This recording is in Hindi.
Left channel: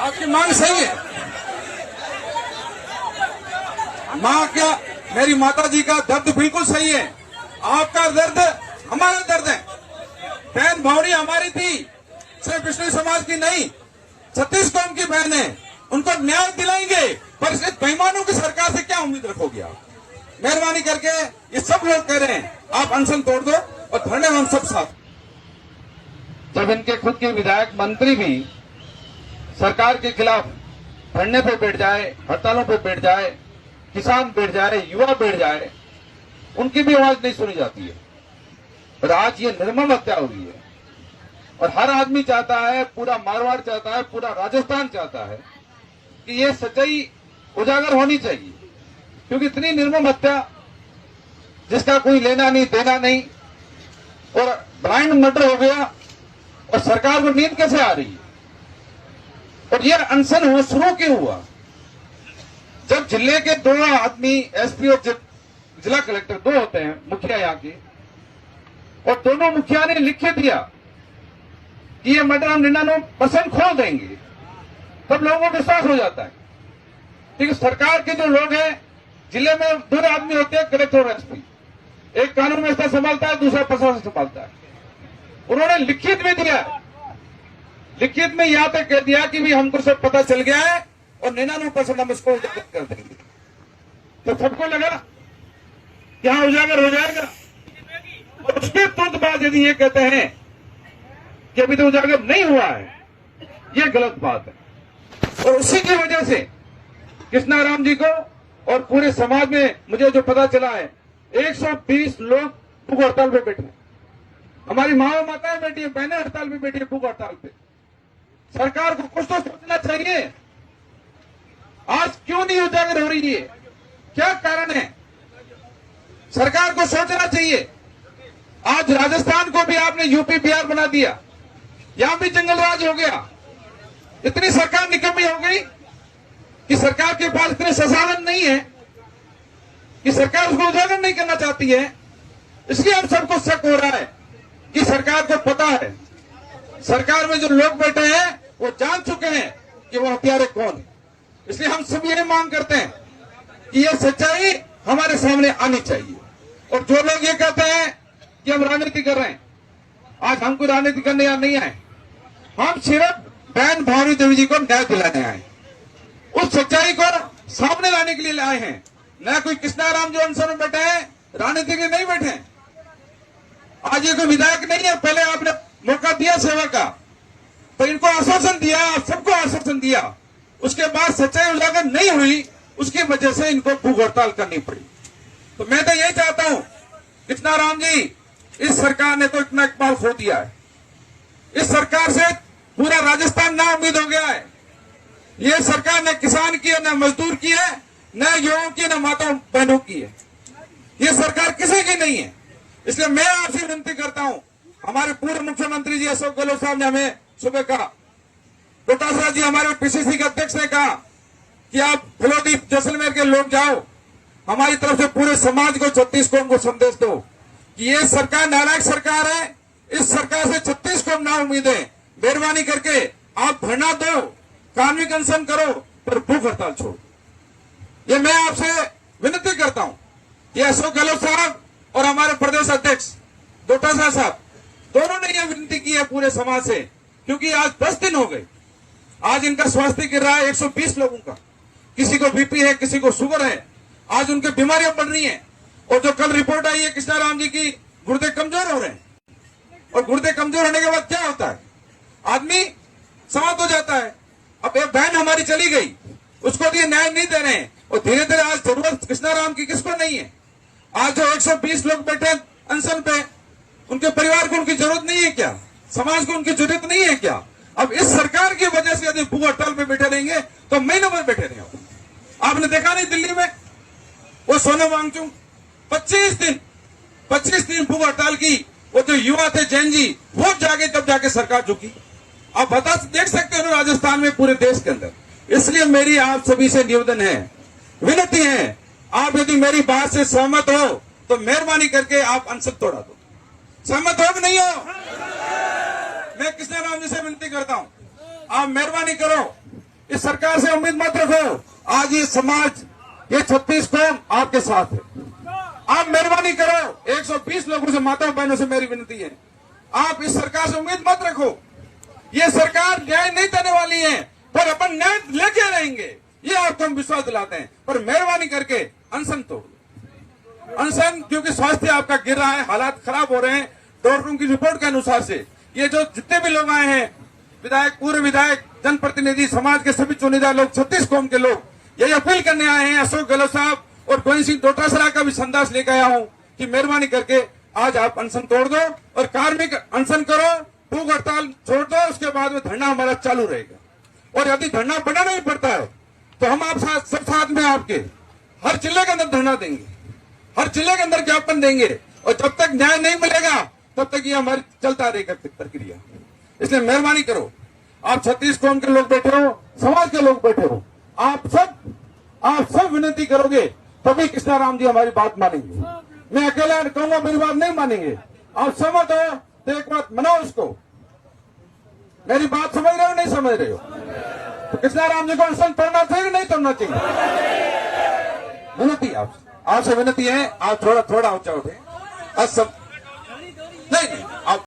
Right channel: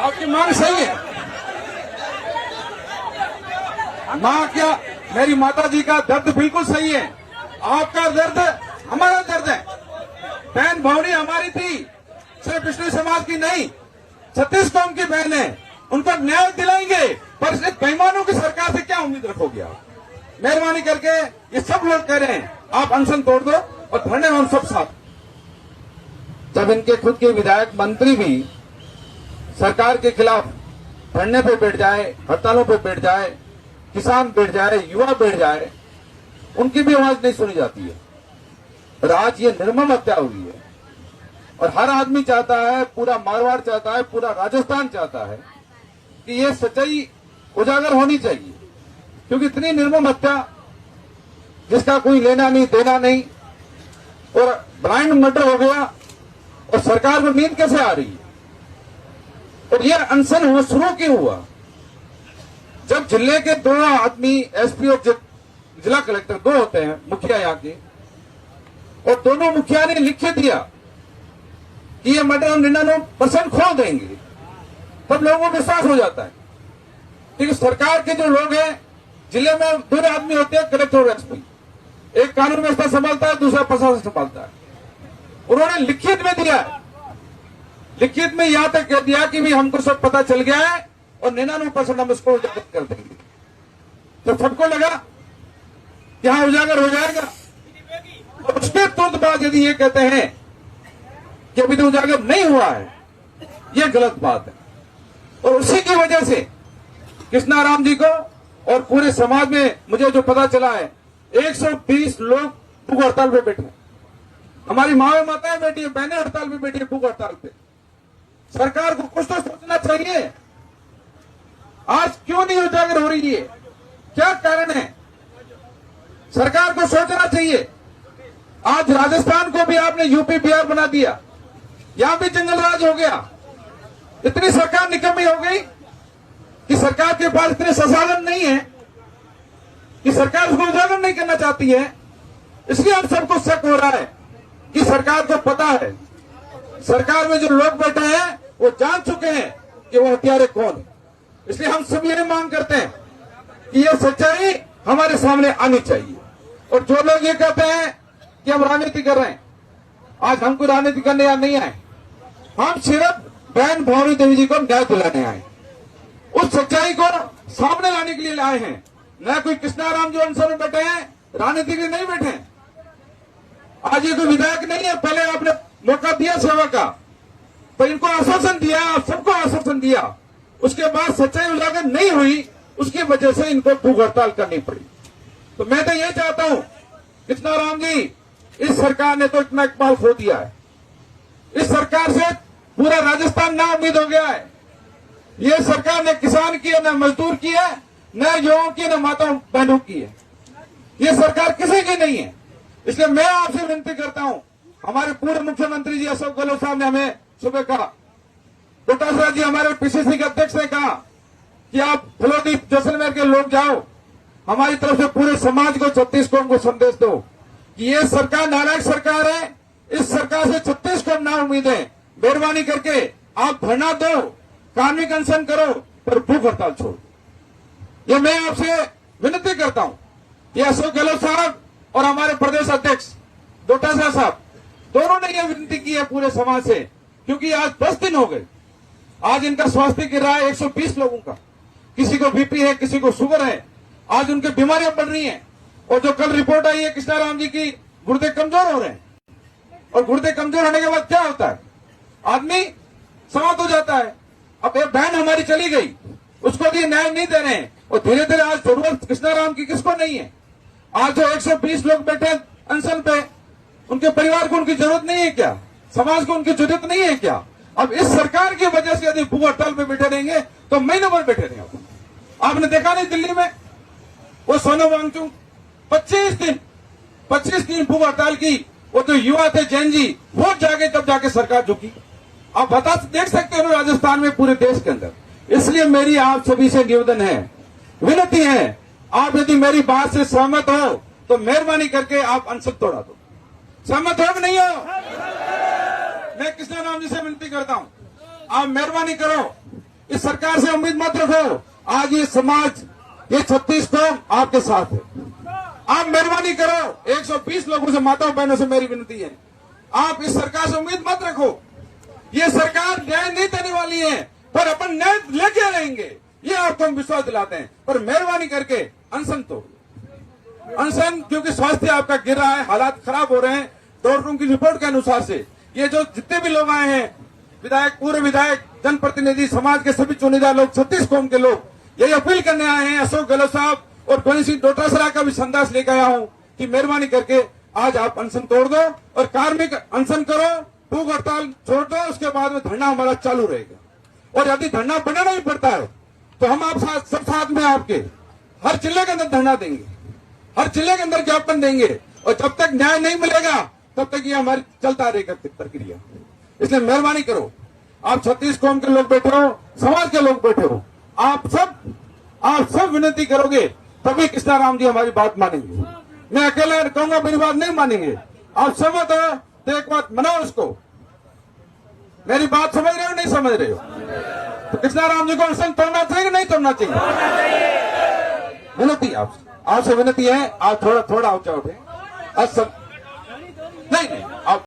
आपकी मांग सही है। मां क्या, मेरी माता जी का दर्द बिल्कुल सही है। आपका दर्द हमारा दर्द है। बहन भौरी हमारी थी, सिर्फ पिछले समाज की नहीं, 36 कौम की बहन है। उनको न्याय दिलाएंगे, पर इस बेईमानों की सरकार से क्या उम्मीद रखोगे आप? मेहरबानी करके ये सब लोग कह रहे हैं आप अनशन तोड़ दो और धरने में हम सब साथ। जब इनके खुद के विधायक मंत्री भी सरकार के खिलाफ धरने पे बैठ जाए, हड़तालों पे बैठ जाए, किसान बैठ जाए, युवा बैठ जाए, उनकी भी आवाज नहीं सुनी जाती है। और आज ये निर्मम हत्या हुई है और हर आदमी चाहता है, पूरा मारवाड़ चाहता है, पूरा राजस्थान चाहता है कि ये सच्चाई उजागर होनी चाहिए, क्योंकि इतनी निर्मम हत्या जिसका कोई लेना नहीं देना नहीं और ब्लाइंड मर्डर हो गया और सरकार को नींद कैसे आ रही है? और यह अनशन हुआ शुरू क्यों हुआ? जब जिले के 2 आदमी एसपी और जिला कलेक्टर 2 होते हैं मुखिया यहाँ के, और दोनों मुखिया ने लिख के दिया कि ये मर्डर हम 99% खोल देंगे, तब लोगों को विश्वास हो जाता है। क्योंकि सरकार के जो लोग हैं, जिले में 2 आदमी होते हैं, कलेक्टर और एसपी, एक कानून व्यवस्था संभालता है, दूसरा प्रशासन संभालता है। उन्होंने लिखित में दिया, लिखित में यहां तक कह दिया कि भी हमको सब पता चल गया है और 99% हम इसको उजागर कर देंगे। तो सबको लगा कि हाँ उजागर हो जाएगा, और उसके तुरंत बाद यदि ये कहते हैं कि अभी तो उजागर नहीं हुआ है, ये गलत बात है। और उसी की वजह से कृष्णाराम जी को और पूरे समाज में मुझे जो पता चला है 120 लोग भूख हड़ताल पे बैठे। हमारी माताएं बैठी है, बहनें हड़ताल पे बैठी है, भूख हड़ताल पे। सरकार को कुछ तो सोचना चाहिए, आज क्यों नहीं उजागर हो रही है, क्या कारण है? सरकार को सोचना चाहिए। आज राजस्थान को भी आपने यूपी बिहार बना दिया, यहां भी जंगल राज हो गया। इतनी सरकार निकम्मी हो गई कि सरकार के पास इतने संसाधन नहीं है कि सरकार उसको उजागर नहीं करना चाहती है। इसलिए अब सबको शक हो रहा है कि सरकार को पता है, सरकार में जो लोग बैठे हैं वो जान चुके हैं कि वो हत्यारे कौन है। इसलिए हम सब ये मांग करते हैं कि ये सच्चाई हमारे सामने आनी चाहिए। और जो लोग ये कहते हैं कि हम राजनीति कर रहे हैं, आज हमको राजनीति करने यहाँ नहीं आए, हम सिर्फ बहन भौरी देवी जी को न्याय दिलाने आए, उस सच्चाई को सामने लाने के लिए लाए हैं। न कोई कृष्णाराम जो अनशन में बैठे हैं राजनीति के लिए नहीं बैठे हैं। आज ये कोई विधायक नहीं है, पहले आपने मौका दिया सेवा का, पर इनको आश्वासन दिया, आप सबको आश्वासन दिया, उसके बाद सच्चाई उजागर नहीं हुई, उसकी वजह से इनको भूख हड़ताल करनी पड़ी। तो मैं तो यही चाहता हूं, कृष्णाराम जी, इस सरकार ने तो इतना इकबाल खो दिया है। इस सरकार से पूरा राजस्थान ना उम्मीद हो गया है। ये सरकार ने किसान की है, न मजदूर की है, न युवाओं की, न माता बहनों की है। ये सरकार किसी की नहीं है। इसलिए मैं आपसे विनती करता हूं, हमारे पूर्व मुख्यमंत्री जी अशोक गहलोत साहब ने हमें सुबह कहा, डॉक्टर जी हमारे पीसीसी के अध्यक्ष ने कहा कि आप फुलोदी जैसलमेर के लोग जाओ, हमारी तरफ से पूरे समाज को 36 कौम को संदेश दो कि ये सरकार नालायक सरकार है। इस सरकार से 36 कौम ना उम्मीद है। मेहरबानी करके आप धरना दो, कानूनी अनशन करो, पर भूख हड़ताल छोड़ो। ये मैं आपसे विनती करता हूं। ये अशोक गहलोत साहब और हमारे प्रदेश अध्यक्ष डॉक्टर साहब दोनों ने यह विनती की है पूरे समाज से, क्योंकि आज 10 दिन हो गए। आज इनका स्वास्थ्य गिर रहा है 120 लोगों का, किसी को बीपी है, किसी को शुगर है, आज उनकी बीमारियां बढ़ रही हैं। और जो कल रिपोर्ट आई है कृष्णाराम जी की, गुर्दे कमजोर हो रहे हैं, और गुर्दे कमजोर होने के बाद क्या होता है, आदमी समाप्त हो जाता है। अब एक बहन हमारी चली गई, उसको भी न्याय नहीं दे रहे हैं, और धीरे धीरे आज जरूरत कृष्णाराम की किसको नहीं है? आज जो 120 लोग बैठे अनशन पे, उनके परिवार को उनकी जरूरत नहीं है क्या? समाज को उनकी जरूरत नहीं है क्या? अब इस सरकार की वजह से यदि भूख हड़ताल पे बैठे रहेंगे तो महीनों में बैठे रहेंगे। आपने देखा नहीं दिल्ली में वो सोनम वांगचुक 25 दिन भूख हड़ताल की। वो जो युवा थे जैन जी, वोट जागे तब जाके सरकार झुकी। आप देख सकते हो राजस्थान में, पूरे देश के अंदर। इसलिए मेरी आप सभी से निवेदन है, विनती है, आप यदि मेरी बात से सहमत हो तो मेहरबानी करके आप अनशन तोड़ा दो। सहमत हो कि नहीं हो? मैं कृष्णाराम जी से विनती करता हूं, आप मेहरबानी करो, इस सरकार से उम्मीद मत रखो। आज ये समाज, ये 36 कौम आपके साथ है। आप मेहरबानी करो, 120 लोगों से, माताओं बहनों से मेरी विनती है, आप इस सरकार से उम्मीद मत रखो। ये सरकार न्याय नहीं देने वाली है, पर अपन न्याय लेके रहेंगे, ये आपको हम विश्वास दिलाते हैं। पर मेहरबानी करके अनशन तोड़, अनशन, क्योंकि स्वास्थ्य आपका गिर रहा है, हालात खराब हो रहे हैं डॉक्टरों की रिपोर्ट के अनुसार से। ये जो जितने भी लोग आए हैं, विधायक, पूर्व विधायक, जनप्रतिनिधि, समाज के सभी चुनिंदा लोग, 36 कौम के लोग, यही अपील करने आए हैं। अशोक गहलोत साहब और गोविंद सिंह डोटासरा का भी संदेश लेकर आया हूं कि मेहरबानी करके आज आप अनशन तोड़ दो और कार्मिक अनशन करो, भूख हड़ताल छोड़ दो, उसके बाद में धरना हमारा चालू रहेगा। और यदि धरना बनाना ही पड़ता है तो हम आप सब साथ में आपके हर जिले के अंदर धरना देंगे, हर जिले के अंदर ज्ञापन देंगे, और जब तक न्याय नहीं मिलेगा तब तक ये हमारी चलता रहेगा प्रक्रिया। इसलिए मेहरबानी करो, आप 36 कौम के लोग बैठे हो, समाज के लोग बैठे हो, आप सब विनती करोगे तभी कृष्णाराम जी हमारी बात मानेंगे। मैं अकेला कहूंगा मेरी बात नहीं मानेंगे। आप सहमत हो तो एक बात मनाओ उसको। मेरी बात समझ रहे हो नहीं समझ रहे हो? तो कृष्णाराम जी को अनशन तोड़ना चाहिए नहीं तोड़ना चाहिए? विनती आपसे विनती है, आप थोड़ा ऊंचा उठे। नहीं